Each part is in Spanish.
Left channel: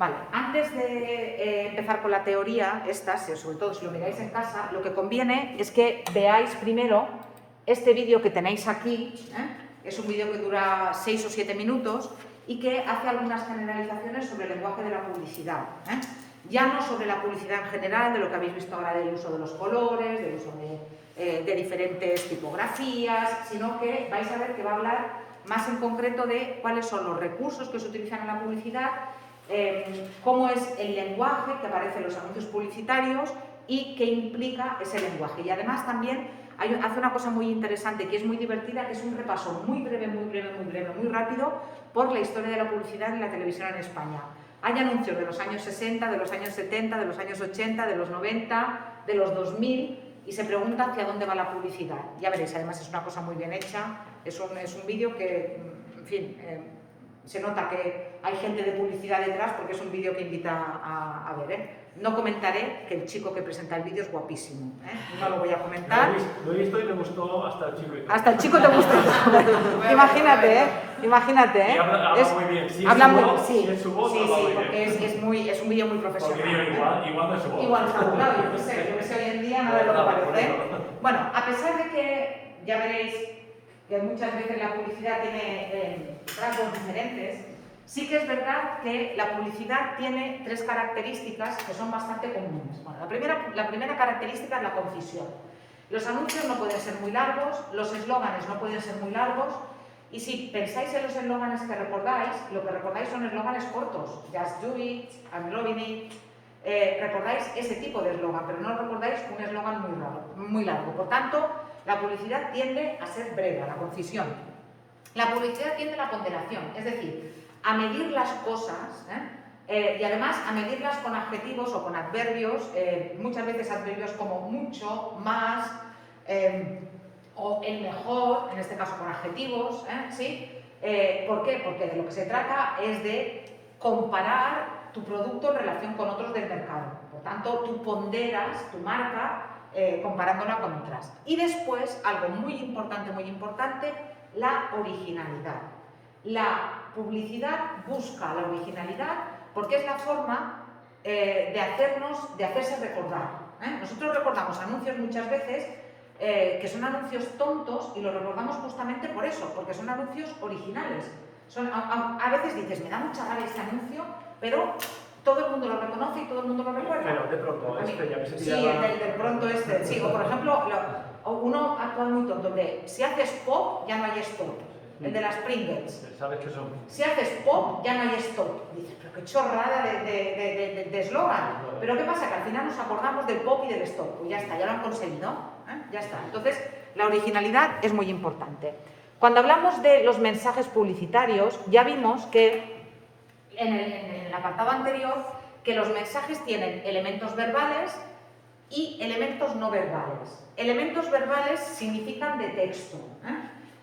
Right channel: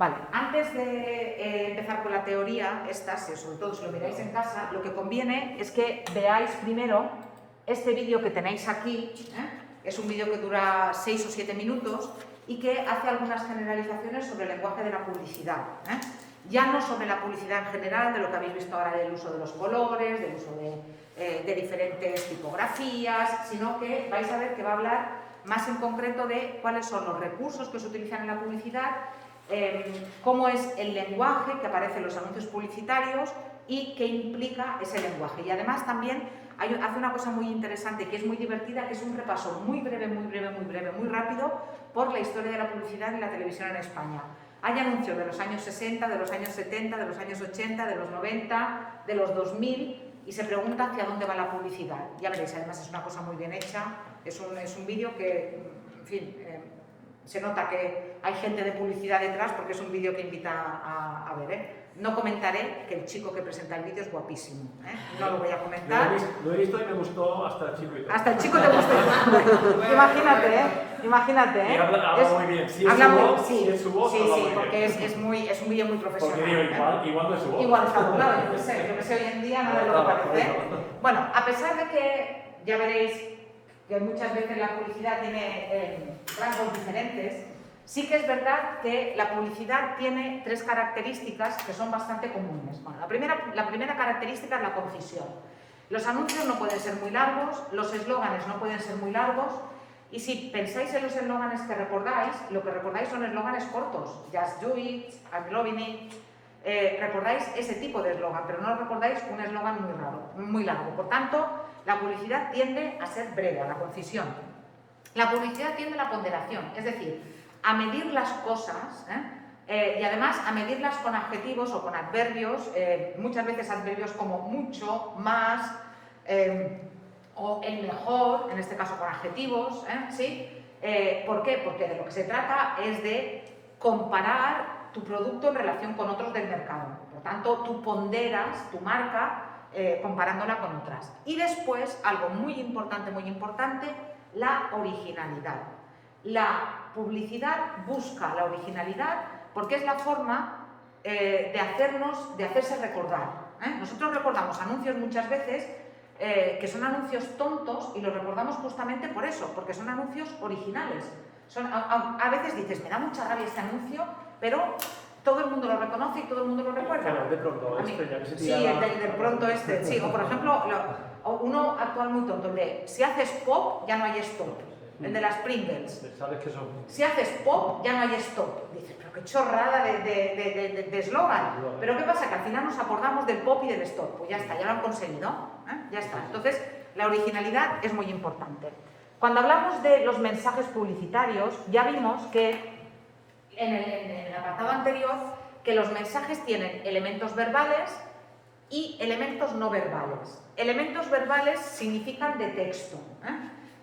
Vale, antes de empezar con la teoría, sobre todo si lo miráis en casa, lo que conviene es que veáis primero este vídeo que tenéis aquí. Es un vídeo que dura 6 o 7 minutos y que hace algunas generalizaciones sobre el lenguaje de la publicidad. Ya no sobre la publicidad en general, de lo que habéis visto ahora del uso de los colores, del uso de diferentes tipografías, sino que vais a ver que va a hablar más en concreto de cuáles son los recursos que se utilizan en la publicidad, cómo es el lenguaje que aparece en los anuncios publicitarios y qué implica ese lenguaje. Y además también hace una cosa muy interesante que es muy divertida, que es un repaso muy breve, muy rápido por la historia de la publicidad y la televisión en España. Hay anuncios de los años 60, de los años 70, de los años 80, de los 90, de los 2000 y se pregunta hacia dónde va la publicidad. Ya veréis, además es una cosa muy bien hecha, es un vídeo que, en fin, se nota que hay gente de publicidad detrás porque es un vídeo que invita a ver. No comentaré que el chico que presenta el vídeo es guapísimo, no lo voy a comentar. Lo he visto y me gustó hasta el chico. Hasta el chico te gustó. Imagínate, Y habla muy bien. Sí, es su voz. Sí, porque es un vídeo muy profesional. Igual no es su voz. Igual está burlado, yo qué sé, hoy en día no es lo que parece. Bueno, a pesar de que ya veréis que muchas veces la publicidad tiene rasgos diferentes, sí que es verdad que la publicidad tiene 3 características que son bastante comunes. Bueno, la primera característica es la concisión. Los anuncios no pueden ser muy largos, los eslóganes no pueden ser muy largos, y si pensáis en los eslóganes que recordáis, lo que recordáis son eslóganes cortos. Just do it, I'm loving it. Recordáis ese tipo de eslogan, pero no recordáis un eslogan muy largo. Por tanto, la publicidad tiende a ser breve, a la concisión. La publicidad tiende a la ponderación, es decir, a medir las cosas, y además a medirlas con adjetivos o con adverbios, muchas veces adverbios como mucho, más, o el mejor, en este caso con adjetivos, ¿sí? ¿Por qué? Porque de lo que se trata es de comparar tu producto en relación con otros del mercado. Por tanto, tú ponderas tu marca comparándola con otras. Y después, algo muy importante, la originalidad. La publicidad busca la originalidad porque es la forma de hacerse recordar. Nosotros recordamos anuncios muchas veces que son anuncios tontos y los recordamos justamente por eso, porque son anuncios originales. A veces dices, me da mucha rabia este anuncio, pero todo el mundo lo reconoce y todo el mundo lo recuerda. De pronto, ya que se tira. Sí, de pronto sí. O por ejemplo, uno actual muy tonto, de si haces pop, ya no hay stop. El de las Pringles. ¿Sabes qué son? Si haces pop, ya no hay stop. Dices, pero qué chorrada de eslogan. Pero ¿qué pasa? Que al final nos acordamos del pop y del stop. Pues ya está, ya lo han conseguido. Ya está. Entonces, la originalidad es muy importante. Cuando hablamos de los mensajes publicitarios, ya vimos que en el apartado anterior, que los mensajes tienen elementos verbales y elementos no verbales. Elementos verbales significan de texto.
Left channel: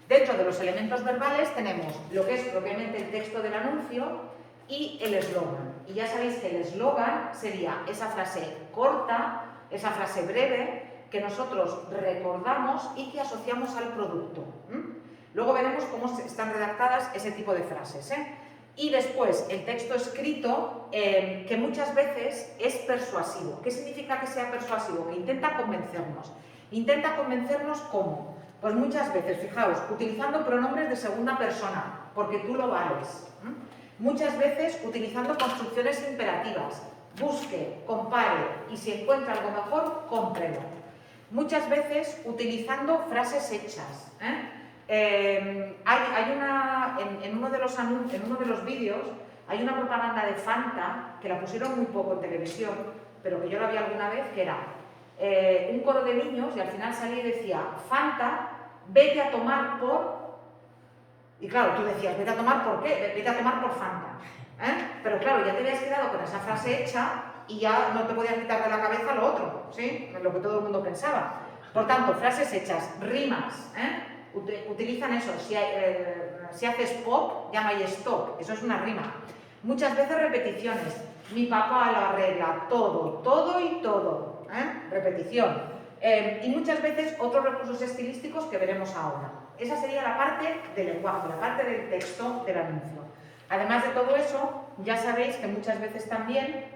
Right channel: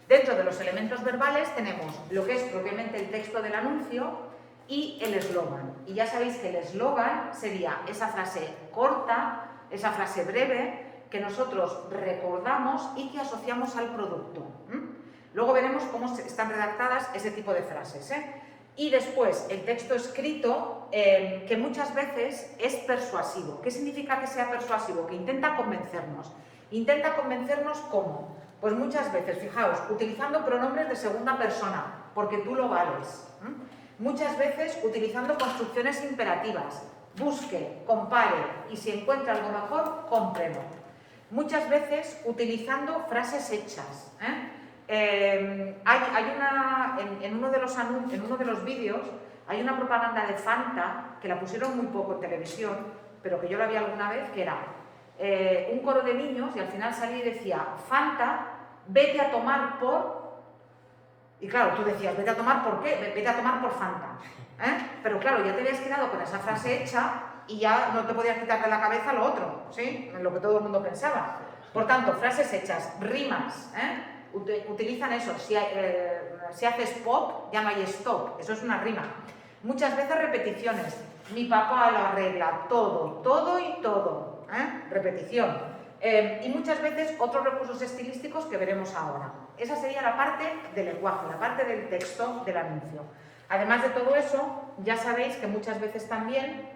Dentro de los elementos verbales tenemos lo que es propiamente el texto del anuncio y el eslogan. Y ya sabéis que el eslogan sería esa frase corta, esa frase breve que nosotros recordamos y que asociamos al producto. Luego veremos cómo están redactadas ese tipo de frases. Y después el texto escrito, que muchas veces es persuasivo. ¿Qué significa que sea persuasivo? Que intenta convencernos. ¿Intenta convencernos cómo? Pues muchas veces, fijaos, utilizando pronombres de segunda persona, porque tú lo vales. Muchas veces utilizando construcciones imperativas. Busque, compare y si encuentra algo mejor, cómprelo. Muchas veces utilizando frases hechas. Hay en uno de los vídeos hay una propaganda de Fanta que la pusieron muy poco en televisión, pero que yo la vi alguna vez, que era un coro de niños y al final salía y decía Fanta, vete a tomar por... Y claro, tú decías, vete a tomar por qué, vete a tomar por Fanta. Pero claro, ya te habías quedado con esa frase hecha y ya no te podías quitar de la cabeza lo otro, ¿sí? Lo que todo el mundo pensaba. Por tanto, frases hechas, rimas, utilizan eso. Si haces pop, ya no hay stop, eso es una rima. Muchas veces repeticiones. Mi papá lo arregla todo y todo. Repetición. Y muchas veces otros recursos estilísticos que veremos ahora. Esa sería la parte del lenguaje, la parte del texto del anuncio. Además de todo eso, ya sabéis que muchas veces también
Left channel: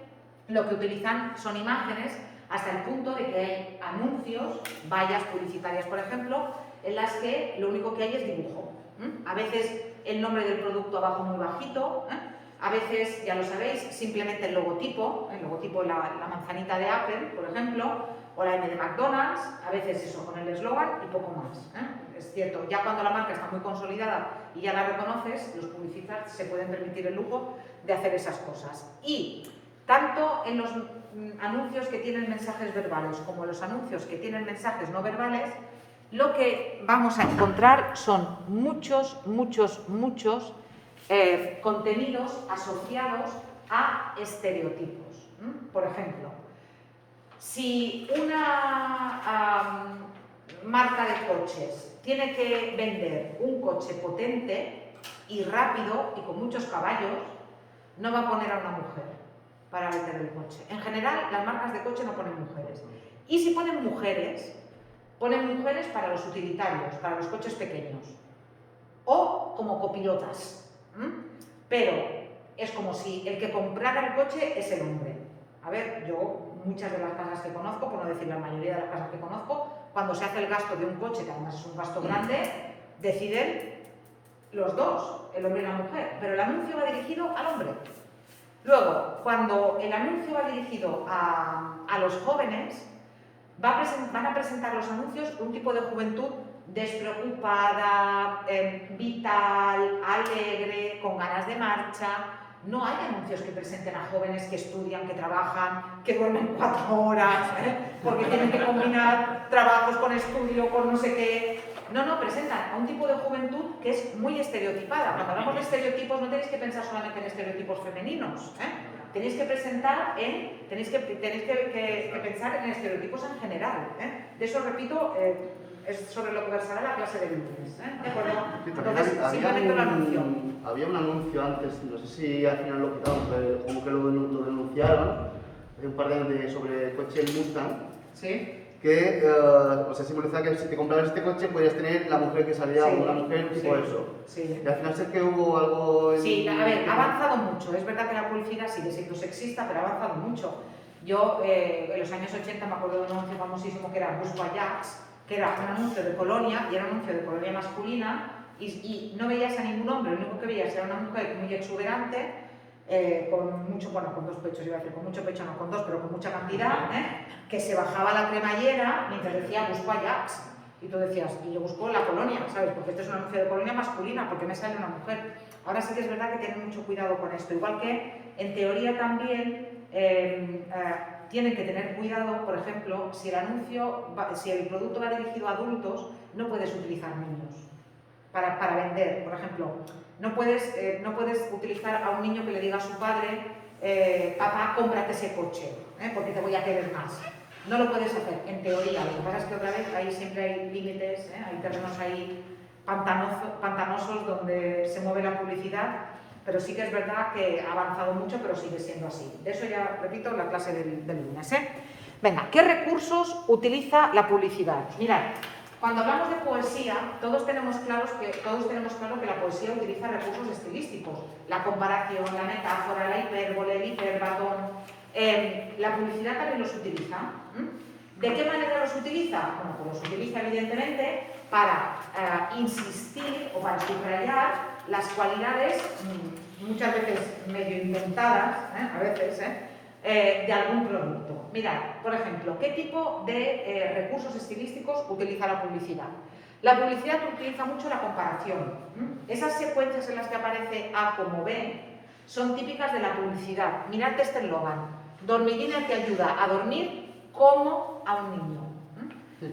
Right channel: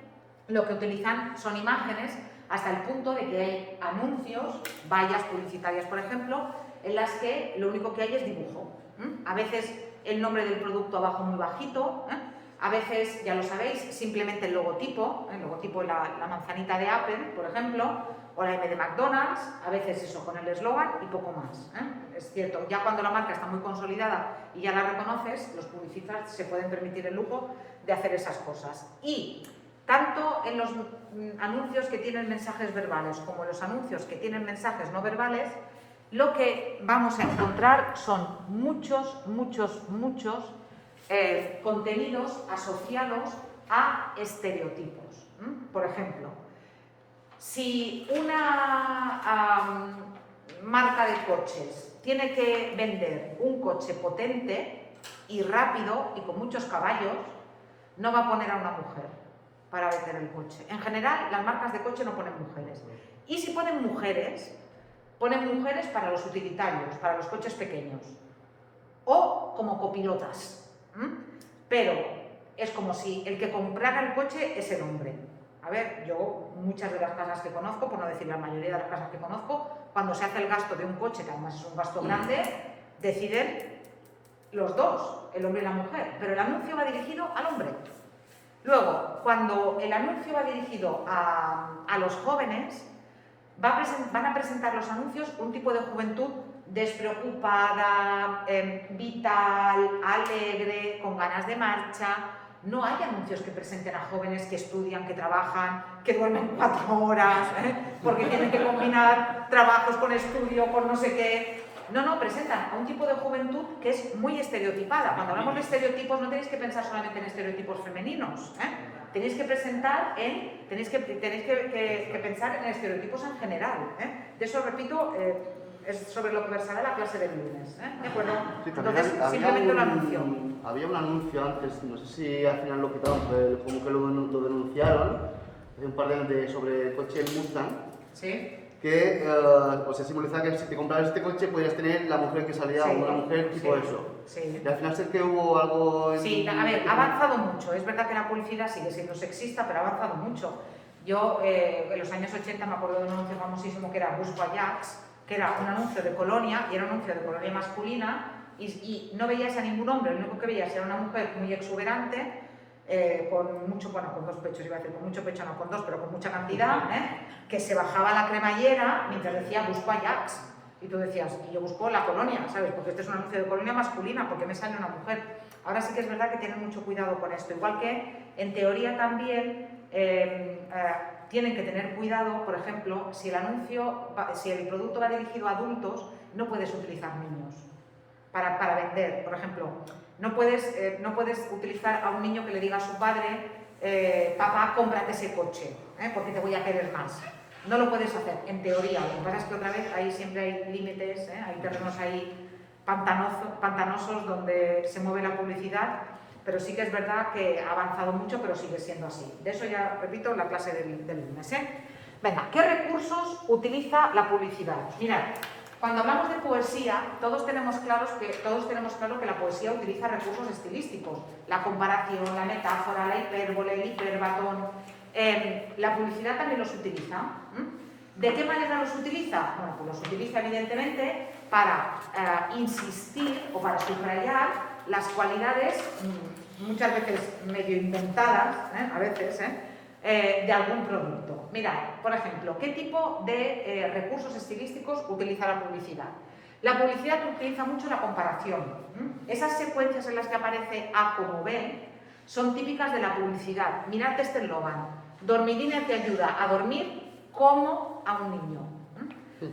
lo que utilizan son imágenes, hasta el punto de que hay anuncios, vallas publicitarias, por ejemplo, en las que lo único que hay es dibujo. A veces el nombre del producto abajo muy bajito, a veces, ya lo sabéis, simplemente el logotipo, la manzanita de Apple, por ejemplo, o la M de McDonald's, a veces eso con el eslogan y poco más. Es cierto, ya cuando la marca está muy consolidada y ya la reconoces, los publicistas se pueden permitir el lujo de hacer esas cosas. Y tanto en los anuncios que tienen mensajes verbales como en los anuncios que tienen mensajes no verbales, lo que vamos a encontrar son muchos contenidos asociados a estereotipos. Por ejemplo, si una marca de coches tiene que vender un coche potente y rápido y con muchos caballos, no va a poner a una mujer para vender el coche. En general, las marcas de coche no ponen mujeres. Y si ponen mujeres para los utilitarios, para los coches pequeños, o como copilotas. Pero es como si el que comprara el coche es el hombre. A ver, yo muchas de las casas que conozco, por no decir la mayoría de las casas que conozco, cuando se hace el gasto de un coche, que además es un gasto grande, deciden los dos, el hombre y la mujer, pero el anuncio va dirigido al hombre. Luego, cuando el anuncio va dirigido a los jóvenes, van a presentar los anuncios un tipo de juventud despreocupada, vital, alegre, con ganas de marcha. No hay anuncios que presenten a jóvenes que estudian, que trabajan, que duermen 4 horas, porque tienen que combinar trabajos con estudio, con no sé qué. No, presentan a un tipo de juventud que es muy estereotipada. Cuando hablamos de estereotipos no tenéis que pensar solamente en estereotipos femeninos, tenéis que pensar en estereotipos en general. De eso, repito, es sobre lo que versará la clase del lunes. ¿De acuerdo? Sí, entonces, simplemente un anuncio. Había un anuncio antes, no sé si al final lo quitaron, como que lo denunciaron, hace un par de años sobre el coche Mustang. Sí. Que se simbolizaba que si te comprabas este coche podías tener la mujer que salía, una mujer tipo eso. Sí. Y al final sé que hubo algo... Sí, a ver, ha avanzado mucho. Es verdad que la publicidad sigue siendo sexista, pero ha avanzado mucho. Yo, en los años 80, me acuerdo de un anuncio famosísimo que era Busco Ajax, que era un anuncio de colonia, y era un anuncio de colonia masculina, y no veías a ningún hombre, lo único que veías era una mujer muy exuberante, con mucho, bueno, con 2 pechos, iba a decir, con mucho pecho no, con 2, pero con mucha cantidad, que se bajaba la cremallera mientras decía Busco Ajax. Y tú decías, y yo busco la colonia, ¿sabes? Porque este es un anuncio de colonia masculina, porque me sale una mujer. Ahora sí que es verdad que tienen mucho cuidado con esto. Igual que, en teoría también, tienen que tener cuidado, por ejemplo, si el producto va dirigido a adultos, no puedes utilizar niños para vender. Por ejemplo, no puedes utilizar a un niño que le diga a su padre, papá, cómprate ese coche, porque te voy a querer más. No lo puedes hacer, en teoría. Lo que pasa es que otra vez ahí siempre hay límites, hay terrenos ahí pantanosos donde se mueve la publicidad, pero sí que es verdad que ha avanzado mucho, pero sigue siendo así. De eso ya repito la clase del lunes. Venga, ¿qué recursos utiliza la publicidad? Mirad, cuando hablamos de poesía, todos tenemos claro que la poesía utiliza recursos estilísticos. La comparación, la metáfora, la hipérbole, el hiperbatón. La publicidad también los utiliza. ¿De qué manera los utiliza? Bueno, pues los utiliza evidentemente para insistir o para subrayar las cualidades, muchas veces medio inventadas, a veces, de algún producto. Mirad, por ejemplo, ¿qué tipo de recursos estilísticos utiliza la publicidad? La publicidad utiliza mucho la comparación. Esas secuencias en las que aparece A como B son típicas de la publicidad. Mirad este eslogan. Dormidina te ayuda a dormir como a un niño.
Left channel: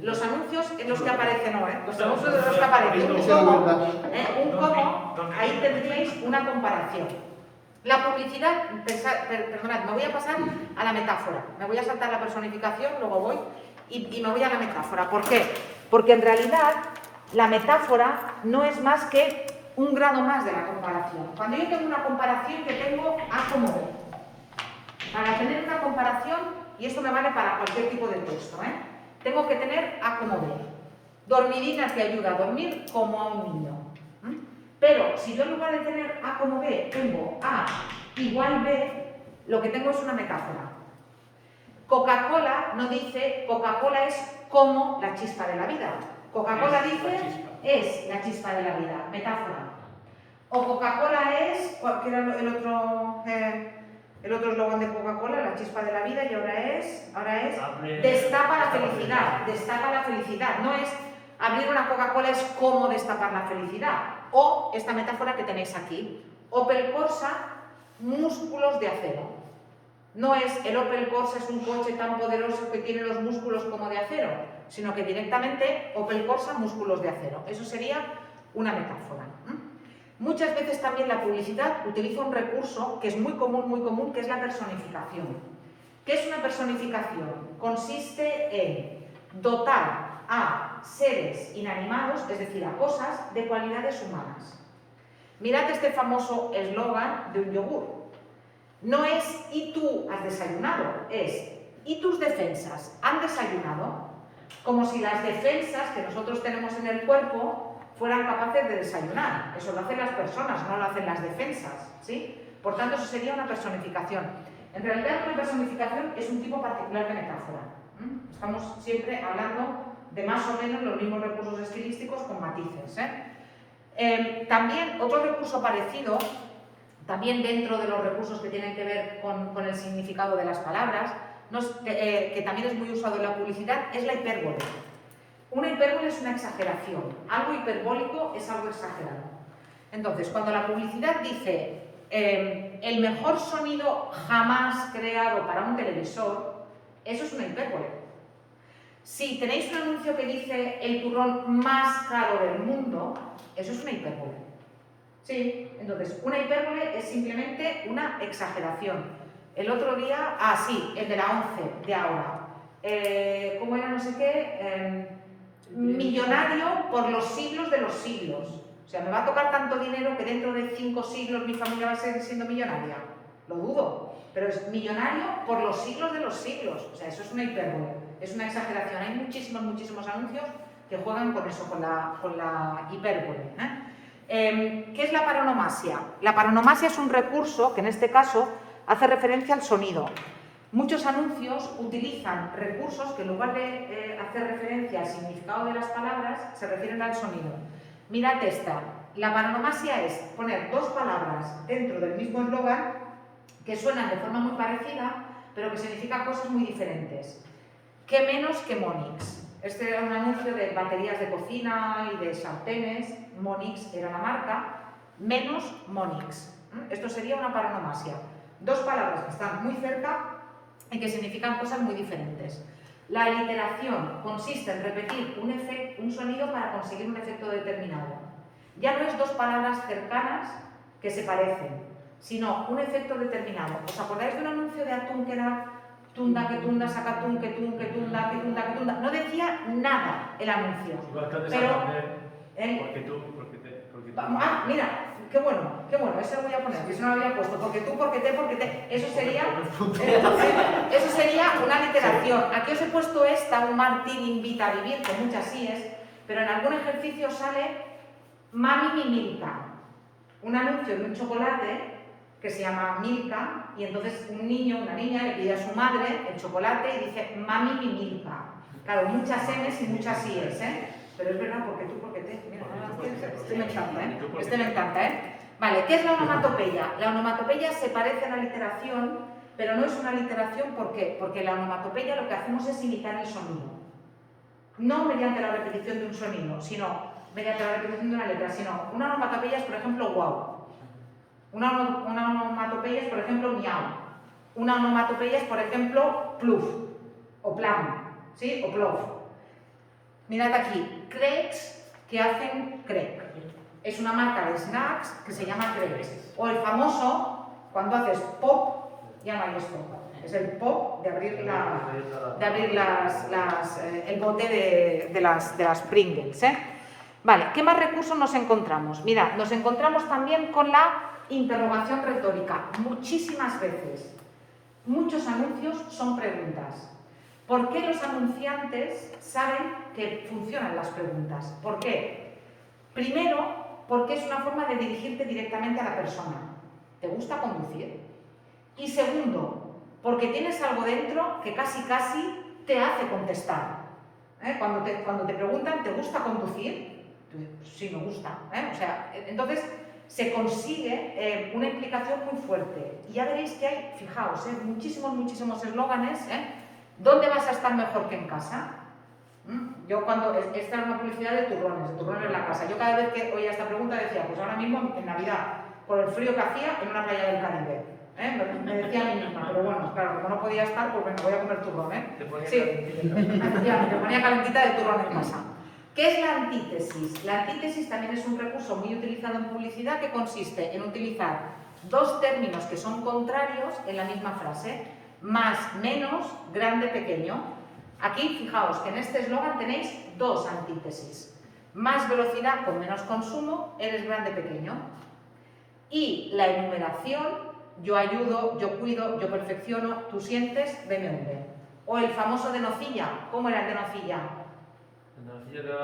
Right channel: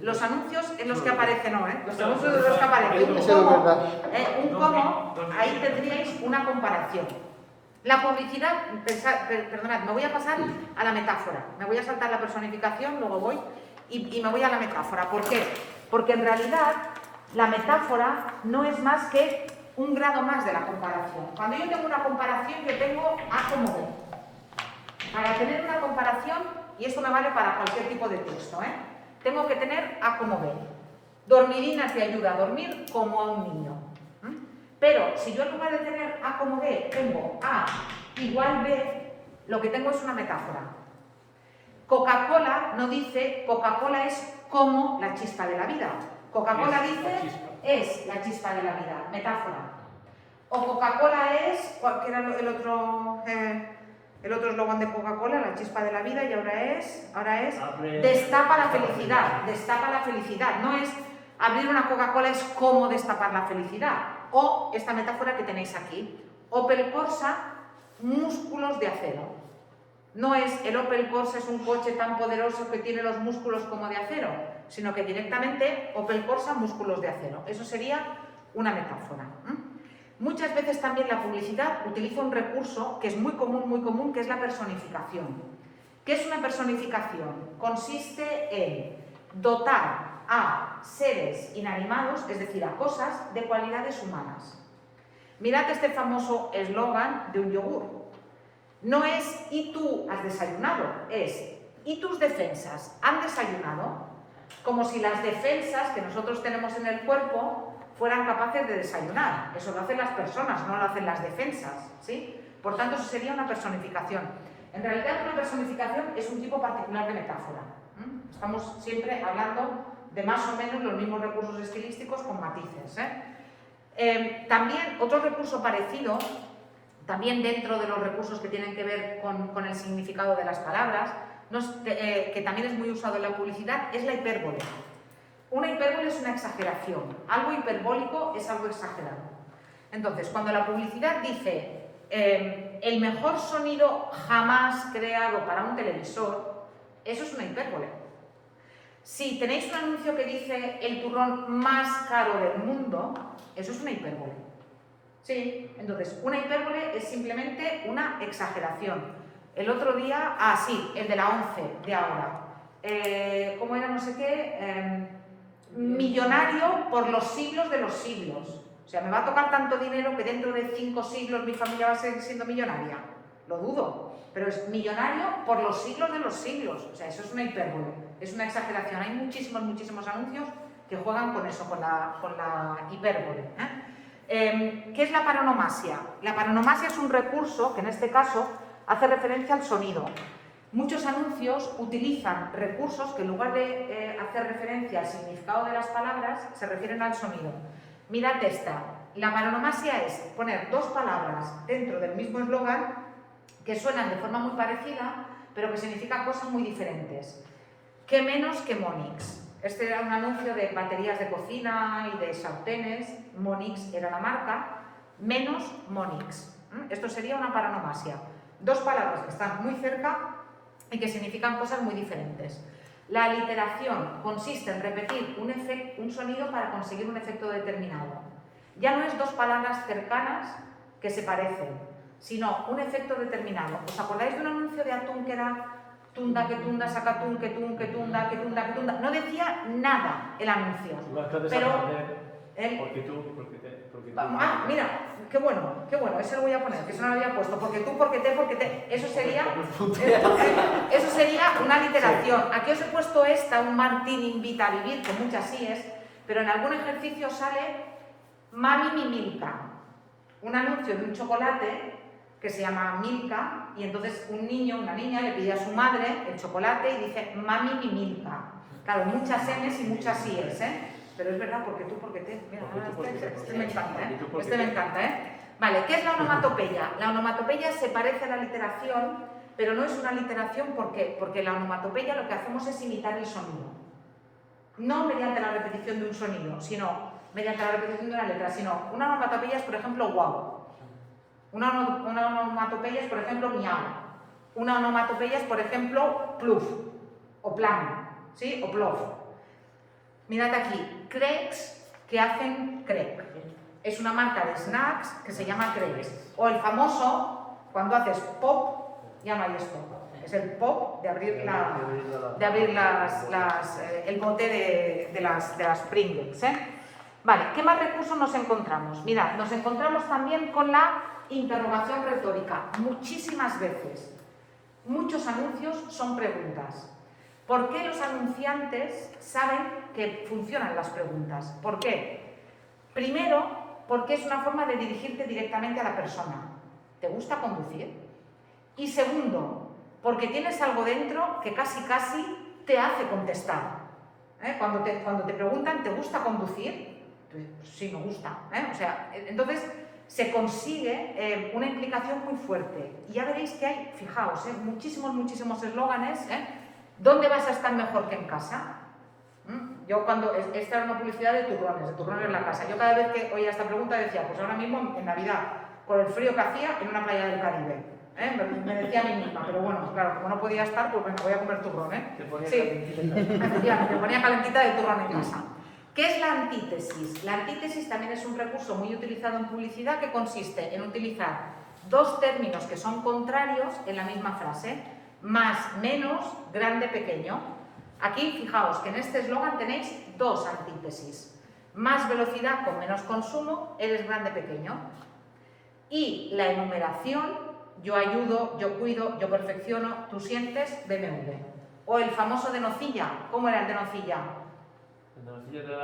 Los anuncios en los que aparece, los anuncios en los que aparece un como, ahí tendríais una comparación. La publicidad, perdonad, me voy a pasar a la metáfora. Me voy a saltar la personificación, luego voy y me voy a la metáfora. ¿Por qué? Porque en realidad la metáfora no es más que un grado más de la comparación. Cuando yo tengo una comparación, yo tengo A como B. Para tener una comparación, y esto me vale para cualquier tipo de texto, tengo que tener A como B. Dormidina te ayuda a dormir como a un niño. Pero si yo en lugar de tener A como B tengo A igual B, lo que tengo es una metáfora. Coca-Cola no dice Coca-Cola es como la chispa de la vida. Coca-Cola dice es la chispa de la vida, metáfora. O Coca-Cola es, ¿qué era el otro eslogan de Coca-Cola? La chispa de la vida, y ahora es destapa la felicidad, destapa la felicidad. No es abrir una Coca-Cola es como destapar la felicidad. O esta metáfora que tenéis aquí, Opel Corsa, músculos de acero. No es el Opel Corsa es un coche tan poderoso que tiene los músculos como de acero, sino que directamente Opel Corsa, músculos de acero. Eso sería una metáfora. Muchas veces también la publicidad utiliza un recurso que es muy común, que es la personificación. ¿Qué es una personificación? Consiste en dotar a seres inanimados, es decir, a cosas, de cualidades humanas. Mirad este famoso eslogan de un yogur. No es ¿y tú has desayunado? Es ¿y tus defensas han desayunado? Como si las defensas que nosotros tenemos en el cuerpo fueran capaces de desayunar. Eso lo hacen las personas, no lo hacen las defensas, ¿sí? Por tanto, eso sería una personificación. En realidad, una personificación es un tipo particular de metáfora. Estamos siempre hablando de más o menos los mismos recursos estilísticos con matices, también, otro recurso parecido, también dentro de los recursos que tienen que ver con el significado de las palabras, que también es muy usado en la publicidad, es la hipérbole. Una hipérbole es una exageración, algo hiperbólico es algo exagerado. Entonces, cuando la publicidad dice el mejor sonido jamás creado para un televisor, eso es una hipérbole. Si tenéis un anuncio que dice el turrón más caro del mundo, eso es una hipérbole. Sí, entonces, una hipérbole es simplemente una exageración. El otro día, sí, el de la 11 de ahora. ¿Cómo era? No sé qué. Millonario por los siglos de los siglos. O sea, me va a tocar tanto dinero que dentro de 5 siglos mi familia va a seguir siendo millonaria. Lo dudo. Pero es millonario por los siglos de los siglos. O sea, eso es una hipérbole. Es una exageración. Hay muchísimos anuncios que juegan con eso, con la hipérbole. ¿Qué es la paronomasia? La paronomasia es un recurso que en este caso hace referencia al sonido. Muchos anuncios utilizan recursos que en lugar de hacer referencia al significado de las palabras, se refieren al sonido. Mirad esta. La paronomasia es poner dos palabras dentro del mismo eslogan que suenan de forma muy parecida, pero que significan cosas muy diferentes. ¿Qué menos que Monix? Este era un anuncio de baterías de cocina y de sartenes. Monix era la marca. Menos Monix. Esto sería una paronomasia. Dos palabras que están muy cerca y que significan cosas muy diferentes. La aliteración consiste en repetir un sonido para conseguir un efecto determinado. Ya no es dos palabras cercanas que se parecen, sino un efecto determinado. ¿Os acordáis de un anuncio de atún que era tunda, que tunda, sacatún, que tun, que tunda, que tunda, que tunda? No decía nada el anuncio. Pero, porque tú. Mira, qué bueno, eso lo voy a poner, que eso no lo había puesto, porque tú, porque te, eso sería una aliteración. Aquí os he puesto un Martín invita a vivir, con muchas síes, pero en algún ejercicio sale Mami mi Milka, un anuncio de un chocolate que se llama Milka, y entonces un niño, una niña le pide a su madre el chocolate y dice Mami mi Milka. Claro, muchas M's y muchas síes, Pero es verdad, porque tú, porque te. Mira, este me encanta, Este me encanta, Vale, ¿qué es la onomatopeya? La onomatopeya se parece a la literación, pero no es una literación, ¿por qué? Porque la onomatopeya lo que hacemos es imitar el sonido. No mediante la repetición de un sonido, sino mediante la repetición de una letra, sino una onomatopeya es, por ejemplo, wow. Una onomatopeya es, por ejemplo, miau. Una onomatopeya es, por ejemplo, pluf o plan, ¿sí? O plof. Mirad aquí, Crepes que hacen crepe. Es una marca de snacks que se llama Crepes. O el famoso, cuando haces pop, ya no hay esto. Es el pop de abrir el bote de las Pringles. Vale, ¿qué más recursos nos encontramos? Mirad, nos encontramos también con la interrogación retórica. Muchísimas veces, muchos anuncios son preguntas. ¿Por qué los anunciantes saben que funcionan las preguntas? ¿Por qué? Primero, porque es una forma de dirigirte directamente a la persona. ¿Te gusta conducir? Y segundo, porque tienes algo dentro que casi te hace contestar. Cuando te preguntan, ¿te gusta conducir? Sí, me gusta. O sea, entonces se consigue una implicación muy fuerte. Y ya veréis que hay, fijaos, muchísimos eslóganes. ¿Dónde vas a estar mejor que en casa? Yo esta era una publicidad de turrones en la casa. Yo cada vez que oía esta pregunta decía, pues ahora mismo en Navidad, con el frío que hacía, en una playa del Caribe. Me decía a mí misma, pero bueno, claro, como no podía estar, pues venga, voy a comer turrón, Sí, efectivamente, me ponía calentita de turrón en casa. ¿Qué es la antítesis? La antítesis también es un recurso muy utilizado en publicidad que consiste en utilizar dos términos que son contrarios en la misma frase. Más, menos, grande, pequeño. Aquí, fijaos que en este eslogan tenéis dos antítesis. Más velocidad con menos consumo, eres grande, pequeño. Y la enumeración, yo ayudo, yo cuido, yo perfecciono, tú sientes, BMW. O el famoso de nocilla. ¿Cómo era el de nocilla?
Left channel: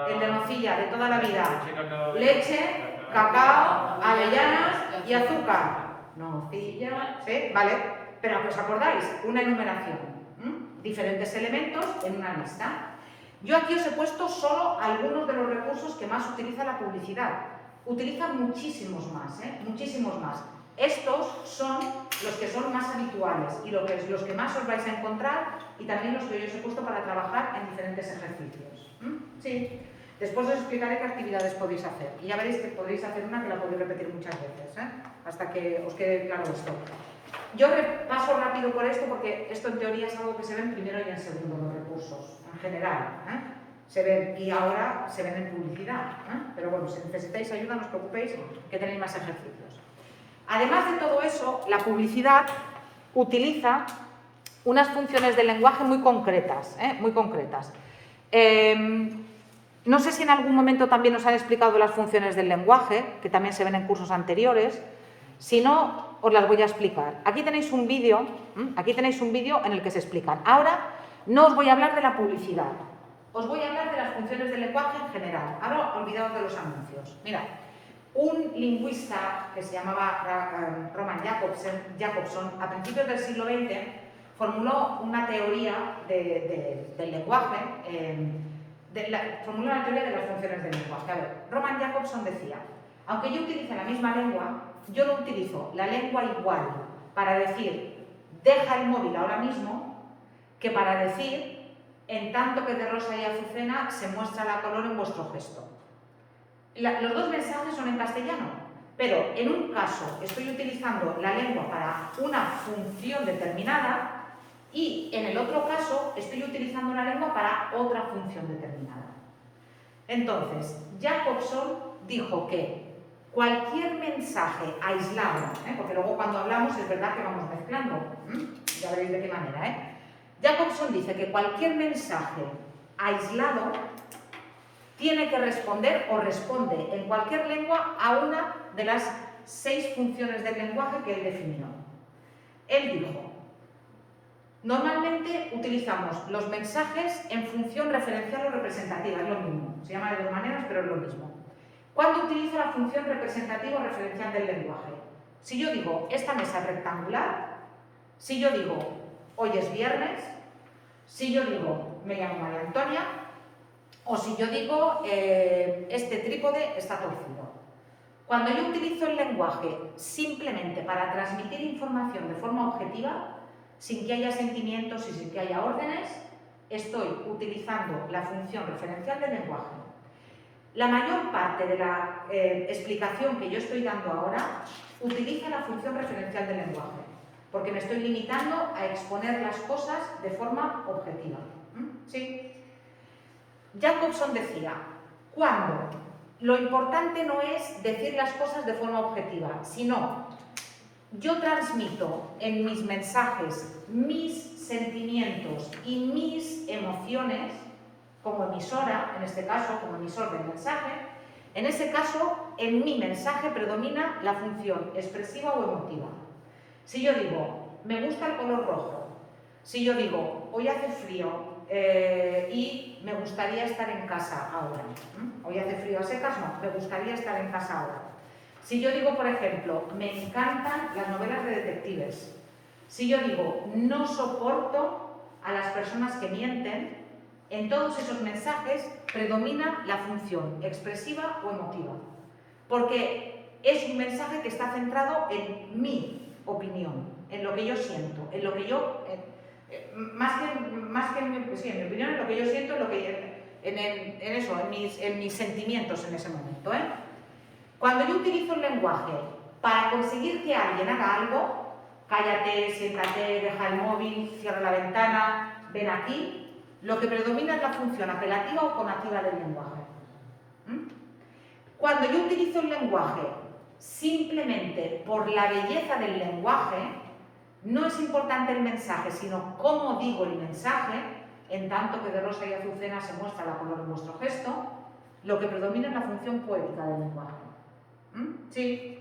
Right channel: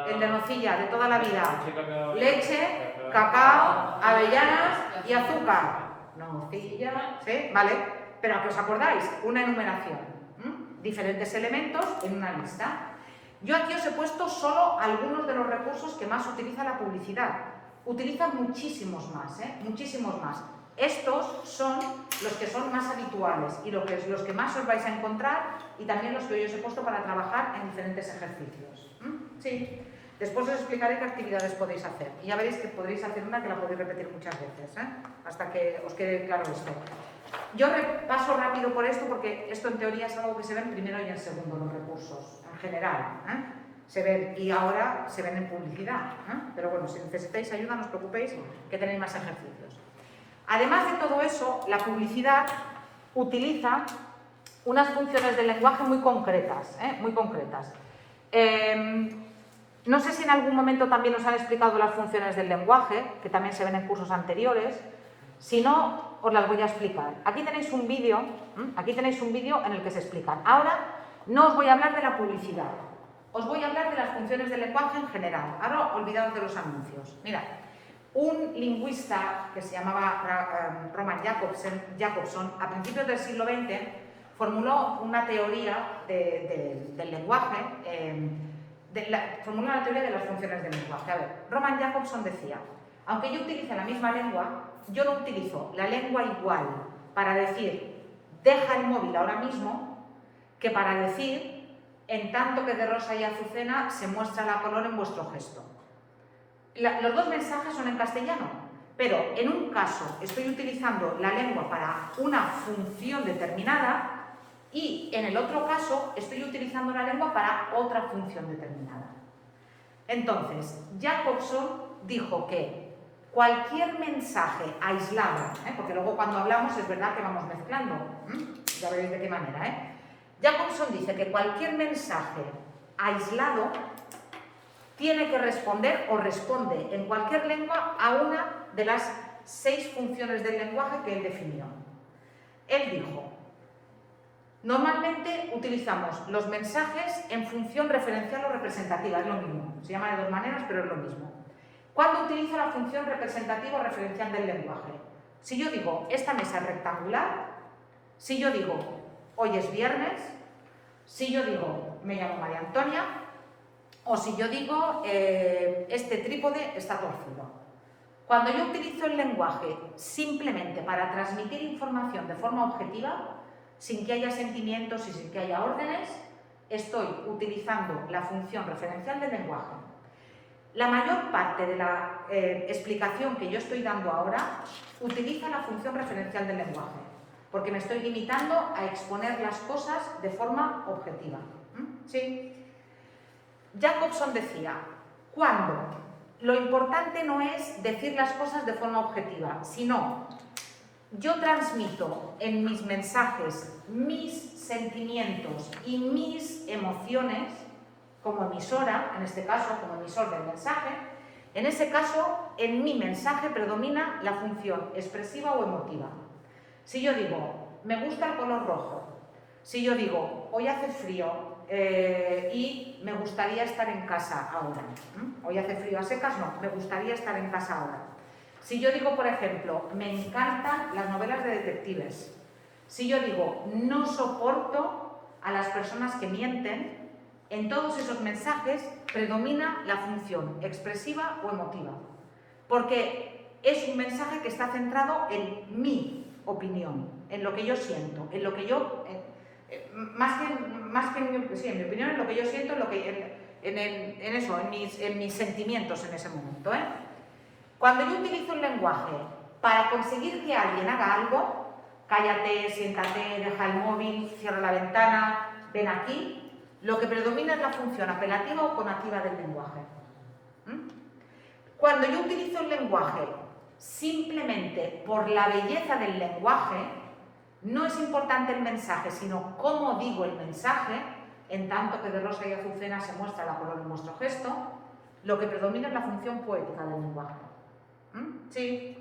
El de nocilla, de toda la vida. Leche, cacao, avellanas y azúcar. Nocilla, ¿sí? ¿Vale? Pero ¿os acordáis? Una enumeración. Diferentes elementos en una lista. Yo aquí os he puesto solo algunos de los recursos que más utiliza la publicidad. Utiliza muchísimos más, muchísimos más. Estos son los que son más habituales y los que más os vais a encontrar y también los que yo os he puesto para trabajar en diferentes ejercicios. Sí. Después os explicaré qué actividades podéis hacer. Y ya veréis que podréis hacer una que la podéis repetir muchas veces, hasta que os quede claro esto. Yo paso rápido por esto porque esto en teoría es algo que se ve en primero y en segundo los recursos, en general. Se ven y ahora se ven en publicidad. Pero bueno, si necesitáis ayuda, no os preocupéis que tenéis más ejercicios. Además de todo eso, la publicidad utiliza unas funciones del lenguaje muy concretas. No sé si en algún momento también os han explicado las funciones del lenguaje, que también se ven en cursos anteriores. Si no, os las voy a explicar. Aquí tenéis un vídeo en el que se explican. Ahora no os voy a hablar de la publicidad, os voy a hablar de las funciones del lenguaje en general. Ahora olvidaos de los anuncios. Mirad, un lingüista que se llamaba Roman Jakobson, a principios del siglo XX, formuló una teoría del lenguaje, formuló la teoría de las funciones del lenguaje. A ver, Roman Jakobson decía, aunque yo utilice la misma lengua, yo no utilizo la lengua igual para decir deja el móvil ahora mismo que para decir en tanto que de rosa y azucena se muestra la color en vuestro gesto. Los dos mensajes son en castellano, pero en un caso estoy utilizando la lengua para una función determinada y en el otro caso estoy utilizando la lengua para otra función determinada. Entonces, Jakobson dijo que cualquier mensaje aislado, porque luego cuando hablamos es verdad que vamos mezclando, ya veréis de qué manera, Jakobson dice que cualquier mensaje aislado tiene que responder o responde en cualquier lengua a una de las 6 funciones del lenguaje que él definió. Él dijo, normalmente utilizamos los mensajes en función referencial o representativa, es lo mismo, se llama de dos maneras pero es lo mismo. ¿Cuándo utilizo la función representativa o referencial del lenguaje? Si yo digo, esta mesa es rectangular, si yo digo, hoy es viernes, si yo digo, me llamo María Antonia, o si yo digo, este trípode está torcido. Cuando yo utilizo el lenguaje simplemente para transmitir información de forma objetiva, sin que haya sentimientos y sin que haya órdenes, estoy utilizando la función referencial del lenguaje. La mayor parte de la explicación que yo estoy dando ahora utiliza la función referencial del lenguaje, porque me estoy limitando a exponer las cosas de forma objetiva. ¿Sí? Jakobson decía, cuando lo importante no es decir las cosas de forma objetiva, sino yo transmito en mis mensajes mis sentimientos y mis emociones, como emisora, en este caso, como emisor del mensaje, en ese caso, en mi mensaje predomina la función expresiva o emotiva. Si yo digo, me gusta el color rojo, si yo digo, hoy hace frío y me gustaría estar en casa ahora, hoy hace frío a secas, no, me gustaría estar en casa ahora. Si yo digo, por ejemplo, me encantan las novelas de detectives, Si yo digo, no soporto a las personas que mienten, en todos esos mensajes predomina la función expresiva o emotiva. Porque es un mensaje que está centrado en mi opinión, en lo que yo siento, en lo que yo... más que en mi opinión, en lo que yo siento, en mis sentimientos en ese momento. Cuando yo utilizo el lenguaje para conseguir que alguien haga algo, cállate, siéntate, deja el móvil, cierra la ventana, ven aquí, lo que predomina es la función apelativa o conativa del lenguaje. Cuando yo utilizo el lenguaje simplemente por la belleza del lenguaje, no es importante el mensaje, sino cómo digo el mensaje, en tanto que de rosa y azucena se muestra la color en vuestro gesto, lo que predomina es la función poética del lenguaje. Sí.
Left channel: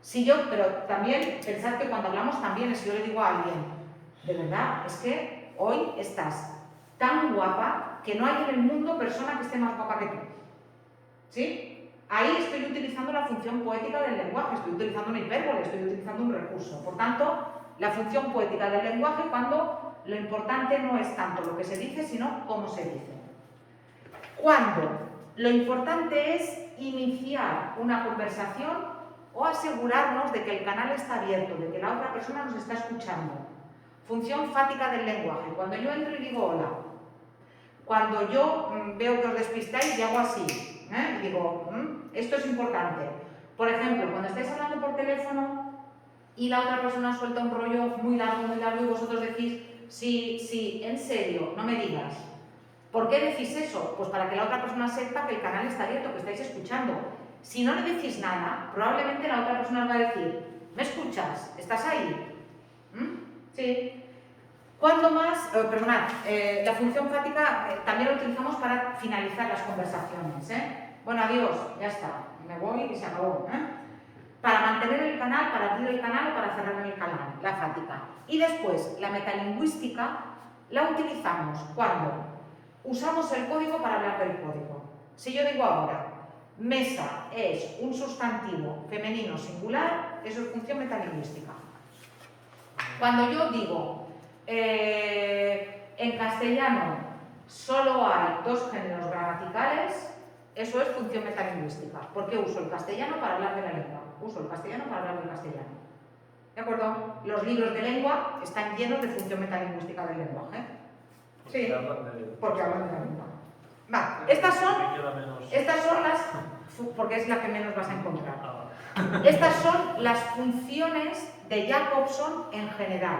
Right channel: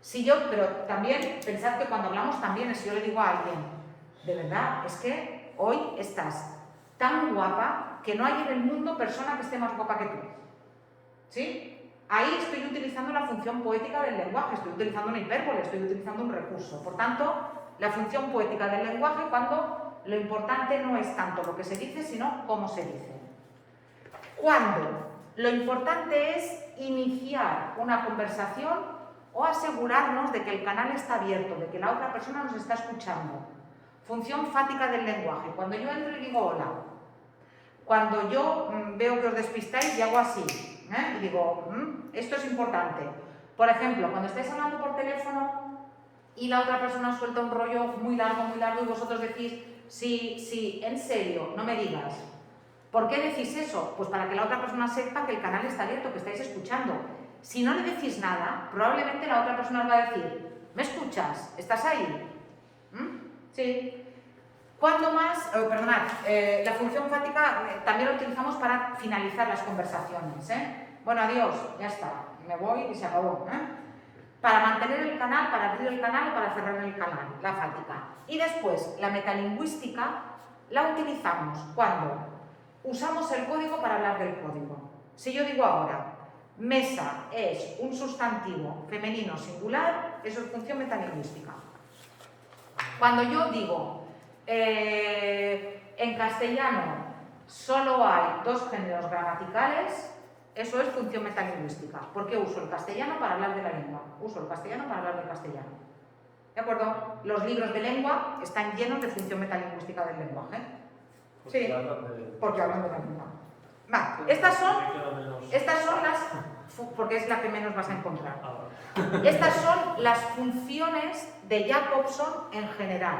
Si yo, pero también, pensad que cuando hablamos también es si yo le digo a alguien, de verdad, es que hoy estás tan guapa que no hay en el mundo persona que esté más guapa que tú. ¿Sí? Ahí estoy utilizando la función poética del lenguaje, estoy utilizando una hipérbole, estoy utilizando un recurso. Por tanto, la función poética del lenguaje cuando lo importante no es tanto lo que se dice, sino cómo se dice. Cuando lo importante es iniciar una conversación o asegurarnos de que el canal está abierto, de que la otra persona nos está escuchando. Función fática del lenguaje. Cuando yo entro y digo hola, cuando yo veo que os despistáis y hago así, y digo, esto es importante. Por ejemplo, cuando estáis hablando por teléfono y la otra persona suelta un rollo muy largo y vosotros decís, sí, en serio, no me digas. ¿Por qué decís eso? Pues para que la otra persona sepa que el canal está abierto, que estáis escuchando. Si no le decís nada, probablemente la otra persona os va a decir, ¿me escuchas? ¿Estás ahí? Sí. ¿Cuándo más? Perdonad, la función fática también la utilizamos para finalizar las conversaciones. Bueno, adiós, ya está, me voy y se acabó. Para mantener el canal, para abrir el canal o para cerrar el canal, la fática. Y después, la metalingüística la utilizamos cuando usamos el código para hablar del código. Si yo digo ahora, mesa es un sustantivo femenino singular, eso es función metalingüística. Cuando yo digo, en castellano solo hay dos géneros gramaticales, eso es función metalingüística. ¿Por qué uso el castellano para hablar de la lengua? Uso el castellano para hablar del castellano. ¿De acuerdo? Los libros de lengua están llenos de función metalingüística del lenguaje. Sí, porque hablan de la lengua. Vale, estas son las... porque es la que menos vas a encontrar. Estas son las funciones de Jacobson en general.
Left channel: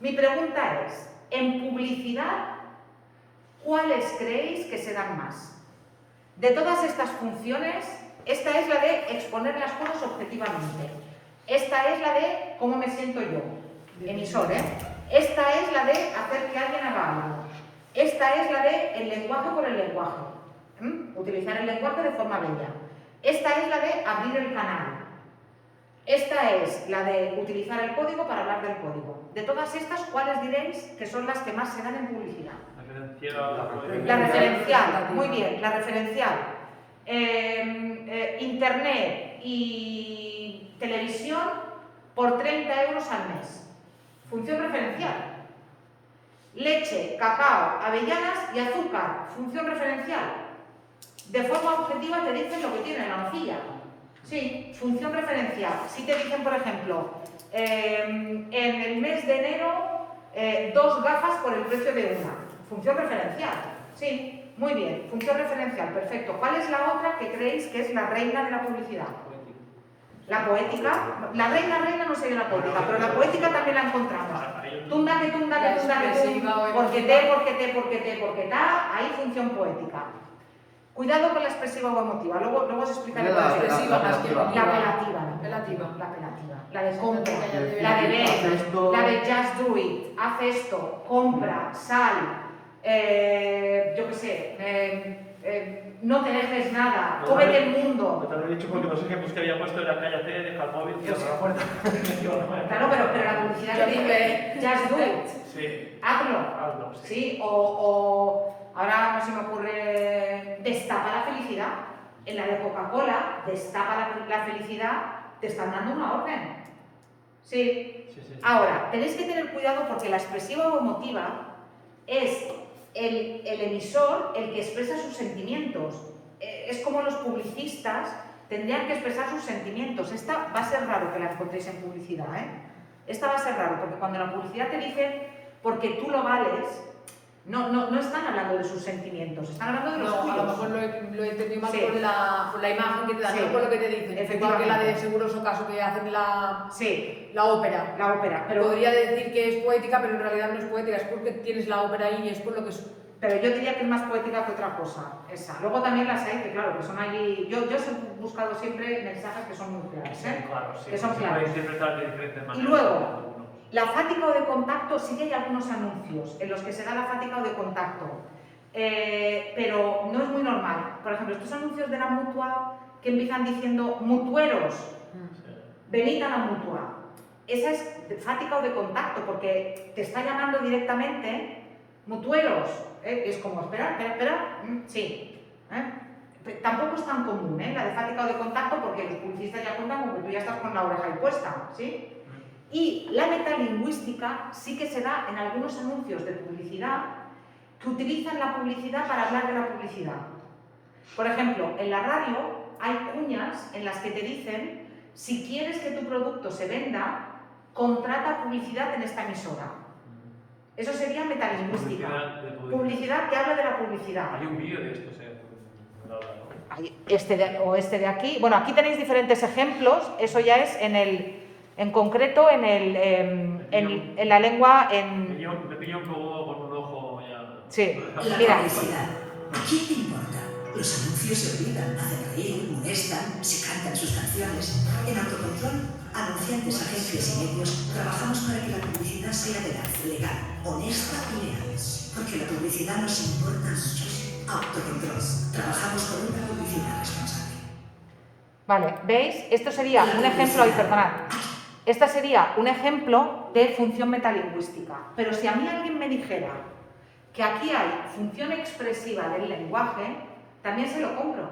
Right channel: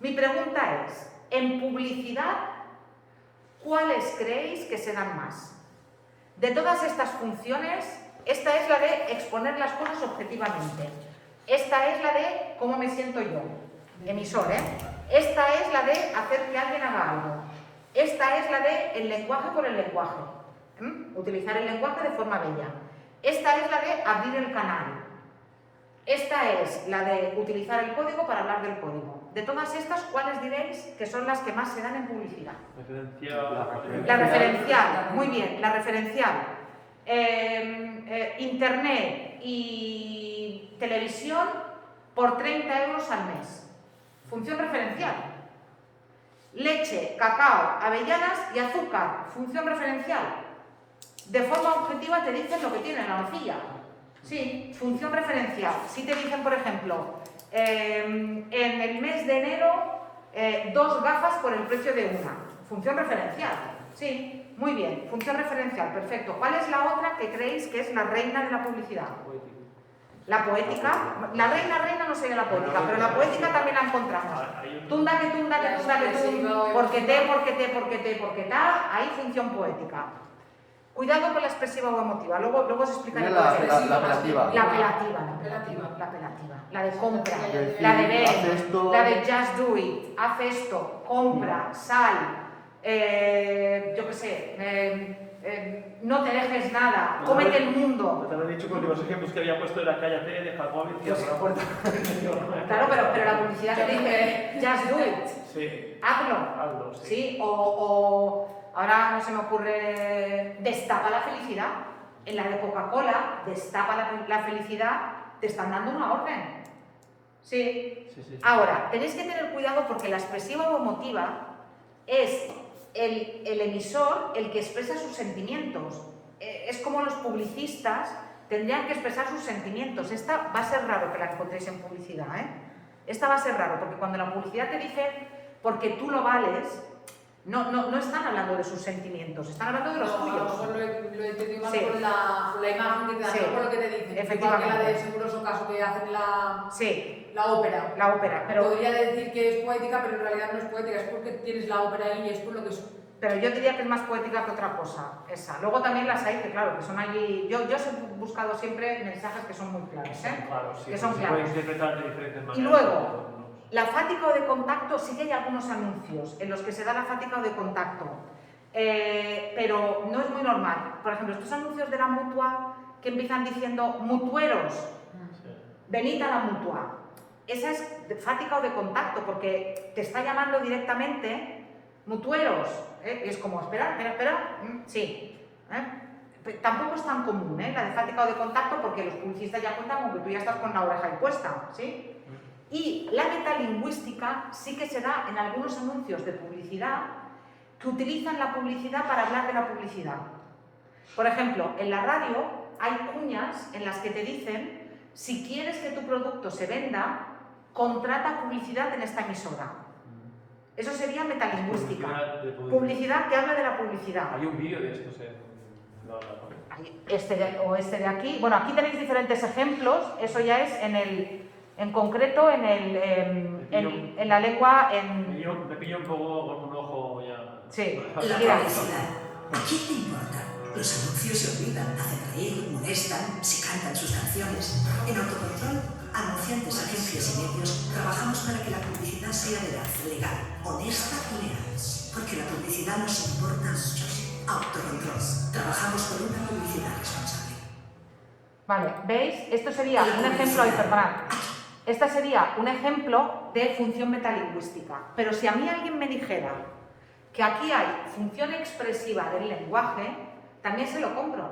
Mi pregunta es, en publicidad, ¿cuáles creéis que se dan más? De todas estas funciones, esta es la de exponer las cosas objetivamente. Esta es la de cómo me siento yo, emisor, Esta es la de hacer que alguien haga algo. Esta es la de el lenguaje por el lenguaje. Utilizar el lenguaje de forma bella. Esta es la de abrir el canal. Esta es la de utilizar el código para hablar del código. De todas estas, ¿cuáles diréis que son las que más se dan en publicidad? La referencial, muy bien, la referencial. Internet y televisión por 30 euros al mes. Función referencial. Leche, cacao, avellanas y azúcar. Función referencial. De forma objetiva te dicen lo que tiene la nocilla. Sí, función referencial. Si te dicen, por ejemplo, en el mes de enero, 2 gafas por el precio de una. Función referencial. Sí, muy bien. Función referencial, perfecto. ¿Cuál es la otra que creéis que es la reina de la publicidad? La poética. La reina no sería la poética, pero la poética también la encontramos. Tunda que tunda que tunda que tunda, porque ta, ahí función poética. Cuidado con la expresiva o emotiva, luego os explicaré la expresiva más que la apelativa. La de compra, la de ver, la de just do it, haz esto, compra, sal, yo qué sé, no te dejes nada, cómete el mundo. Te lo he dicho porque los ejemplos que había puesto era cállate, deja el móvil y cierra la puerta. Claro, pero la publicidad que dice just do it, sí. hazlo. Sí. ¿Sí? O ahora no se me ocurre, destapa la felicidad. En la de Coca-Cola, destapa la felicidad, te están dando una orden. Sí. Sí, sí. Ahora, tenéis que tener cuidado porque la expresiva o emotiva es el emisor el que expresa sus sentimientos. Es como los publicistas tendrían que expresar sus sentimientos. Esta va a ser raro que la encontréis en publicidad, ¿eh? Esta va a ser raro porque cuando la publicidad te dice porque tú lo vales, no están hablando de sus sentimientos, están hablando de los No, tuyos. a lo mejor lo he entendido mal Sí. por la imagen que te dan, Sí. no por lo que te dicen. Igual que la de Efectivamente. Seguros Ocaso que hacen Sí, la ópera. la ópera. Pero Podría decir que es poética, pero en realidad no es poética, es porque tienes la ópera ahí y es por lo que es. Pero yo diría que es más poética que otra cosa, esa. Luego también las hay, que claro, que son allí... Yo he buscado siempre mensajes que son muy claros, ¿eh? Claro, sí. Que son Se claros. puede interpretar de diferentes maneras. Y luego, algunos. la fática o de contacto, sí que hay algunos anuncios en los que se da la fática o de contacto, pero no es muy normal. Por ejemplo, estos anuncios de la mutua que empiezan diciendo mutueros, Sí. venid a la mutua. Esa es de fática o de contacto, porque te está llamando directamente mutueros. Es como, espera, sí. Tampoco es tan común, la de fática o de contacto, porque los publicistas ya cuentan con que tú ya estás con la oreja ahí puesta, ¿sí? Y la metalingüística sí que se da en algunos anuncios de publicidad que utilizan la publicidad para hablar de la publicidad. Por ejemplo, en la radio hay cuñas en las que te dicen: si quieres que tu producto se venda, contrata publicidad en esta emisora. Eso sería metalingüística. Publicidad que habla de la publicidad. Hay un vídeo de esto, Este de aquí. Bueno, aquí tenéis diferentes ejemplos. Eso ya es en concreto en la lengua. Me pillo un poco con un ojo ya. Sí, La mira. publicidad. ¿A quién le importa? Los anuncios se olvidan, hacen reír, molestan, se cantan sus canciones. En Autocontrol, anunciantes, agencias y medios, trabajamos para que la publicidad sea veraz, legal, honesta y leal. Porque la publicidad nos importa mucho. Autocontrol. Trabajamos por una publicidad responsable. Vale, ¿veis? Esto sería un ejemplo, perdonad. Este sería un ejemplo de función metalingüística. Pero si a mí alguien me dijera que aquí hay función expresiva del lenguaje, también se lo compro.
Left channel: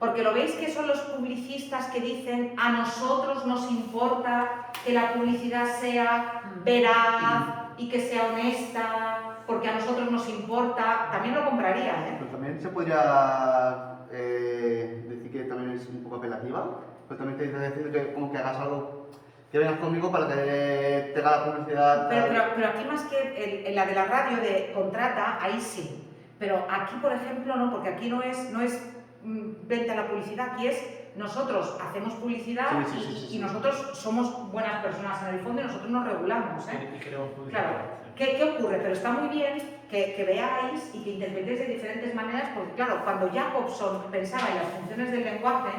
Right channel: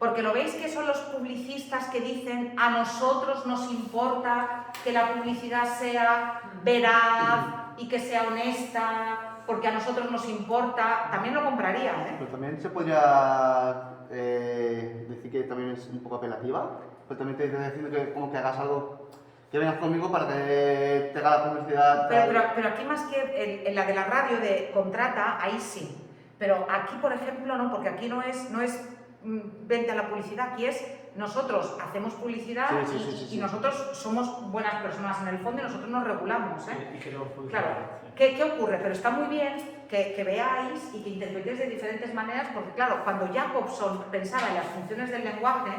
Porque lo veis que son los publicistas que dicen: a nosotros nos importa que la publicidad sea veraz y que sea honesta, porque a nosotros nos importa. También lo compraría, ¿eh? Pero también se podría decir que también es un poco apelativa, pero también te dice decir que como que hagas algo, que vengas conmigo para que tenga la publicidad. Pero aquí más que en la de la radio de contrata, ahí sí. Pero aquí, por ejemplo, no, porque aquí no es venta a la publicidad, aquí es nosotros hacemos publicidad y nosotros somos buenas personas en el fondo y nosotros nos regulamos, ¿eh? Y queremos publicidad. Claro. ¿Qué ocurre? Pero está muy bien que veáis y que interpretéis de diferentes maneras, porque claro, cuando Jacobson pensaba en las funciones del lenguaje,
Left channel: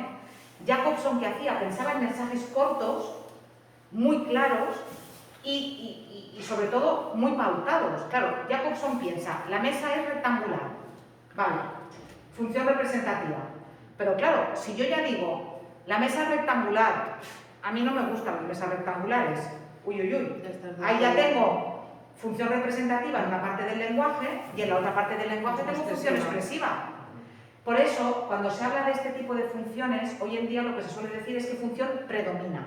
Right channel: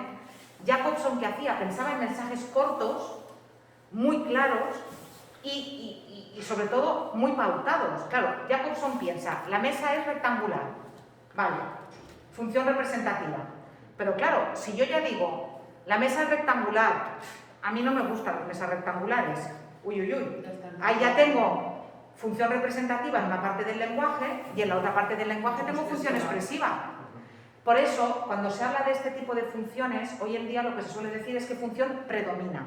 Jacobson, ¿qué hacía? Pensaba en mensajes cortos, muy claros y sobre todo muy pautados. Claro, Jacobson piensa: la mesa es rectangular, vale, función representativa. Pero claro, si yo ya digo, la mesa es rectangular, a mí no me gustan las mesas rectangulares, uy, ahí ya tengo función representativa en una parte del lenguaje y en la otra parte del lenguaje tengo función expresiva. Por eso, cuando se habla de este tipo de funciones, hoy en día lo que se suele decir es qué función predomina.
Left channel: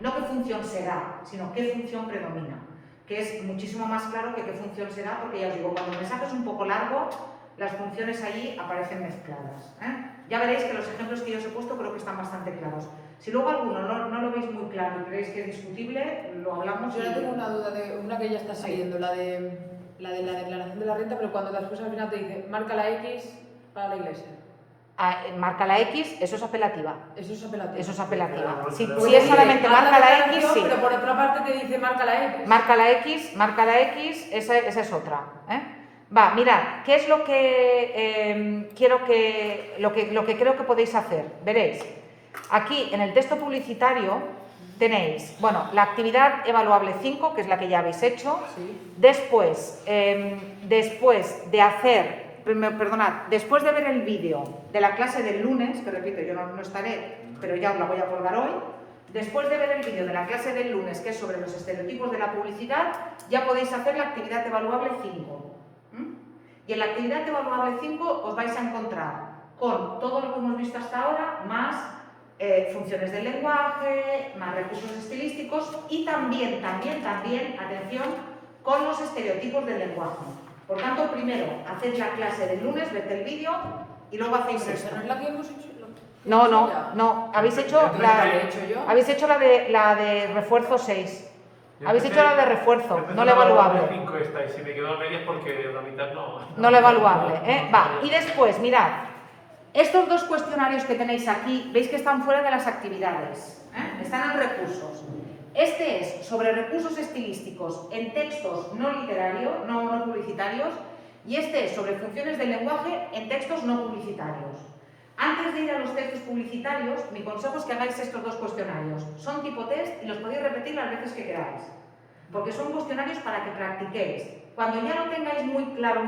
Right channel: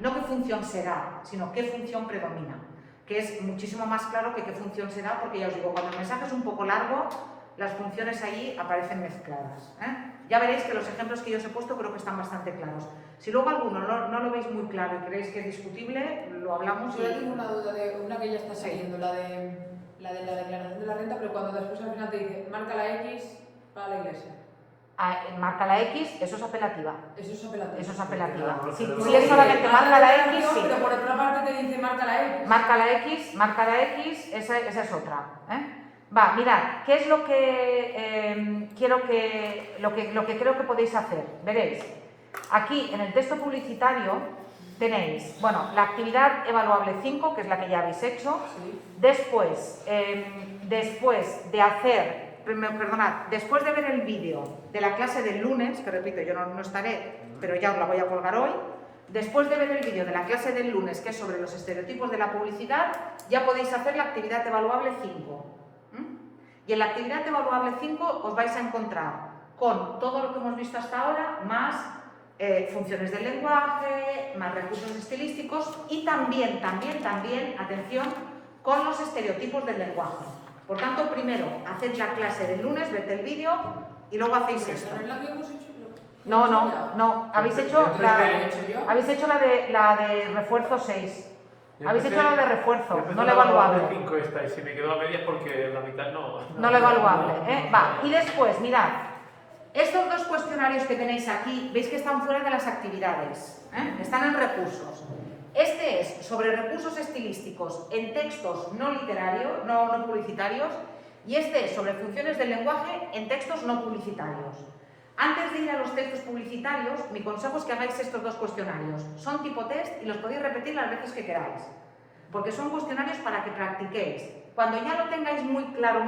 No qué función será, sino qué función predomina. Que es muchísimo más claro que qué función será, porque ya os digo, cuando el mensaje es un poco largo, las funciones ahí aparecen mezcladas, ¿eh? Ya veréis que los ejemplos que yo os he puesto creo que están bastante claros. Si luego alguno no lo veis muy claro y creéis que es discutible, lo hablamos. Yo ahora tengo una duda de una que ya está saliendo, la de la declaración de la renta, pero cuando después al final te dice marca la X para la iglesia. Marca la X, eso es apelativa. Eso es apelativo. Eso es apelativa. Pero Si por pusiera Sí, solamente haz marca la X, declaración, sí. pero por otra parte te dice marca la X. Marca la X, esa es otra, ¿eh? Va, mirad, ¿qué es lo que lo que creo que podéis hacer? Veréis, aquí en el texto publicitario tenéis, bueno, la actividad evaluable 5, que es la que ya habéis hecho. Sí. Después de hacer, después de ver el vídeo de la clase del lunes, que repito, yo no estaré, pero ya os la voy a colgar hoy. Después de ver el vídeo de la clase del lunes, que es sobre los estereotipos de la publicidad, ya podéis hacer la actividad evaluable 5. Y en la actividad evaluable 5 os vais a encontrar con todo lo que hemos visto hasta ahora, más funciones del lenguaje, más recursos estilísticos y también, atención, con los estereotipos del lenguaje. Por tanto, primero, haced la clase del lunes, ved el vídeo y luego hacéis Pero esto. esa no es la que hemos hecho. No, habéis hecho Entonces, ¿cuál he hecho yo? la de refuerzo 6. Habéis hecho la de refuerzo, no la la evaluable. 5 esta y si me quedo a medias porque la mitad no. No la evaluable, ¿eh? Va, y después, mirad, estos dos cuestionarios que tenéis aquí, veis que están fuera de las actividades, ¿eh? Están en recursos. Este es sobre recursos estilísticos en textos no literarios, no publicitarios, y este es sobre funciones del lenguaje en textos no publicitarios. Antes de ir a los textos publicitarios, mi consejo es que hagáis estos dos cuestionarios. Son tipo test y los podéis repetir las veces que queráis, porque son cuestionarios para que practiquéis. Cuando ya lo tengáis muy claro,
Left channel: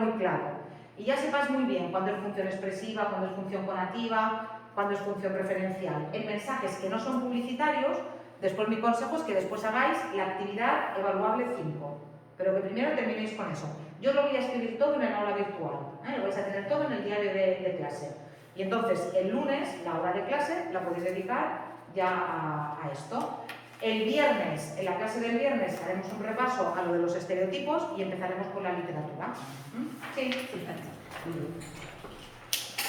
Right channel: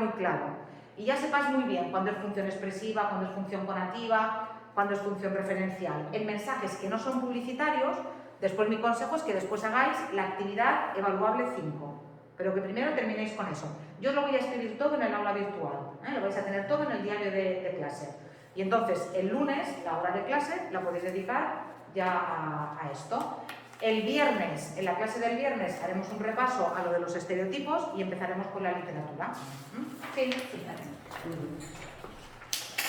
y ya sepas muy bien cuándo es función expresiva, cuándo es función conativa, cuándo es función referencial, en mensajes que no son publicitarios, después mi consejo es que después hagáis la actividad evaluable 5, pero que primero terminéis con eso. Yo os lo voy a escribir todo en el aula virtual, lo vais a tener todo en el diario de clase. Y entonces, el lunes, la hora de clase, la podéis dedicar ya a esto. El viernes, en la clase del viernes, haremos un repaso a lo de los estereotipos y empezaremos por la literatura. ¿Sí?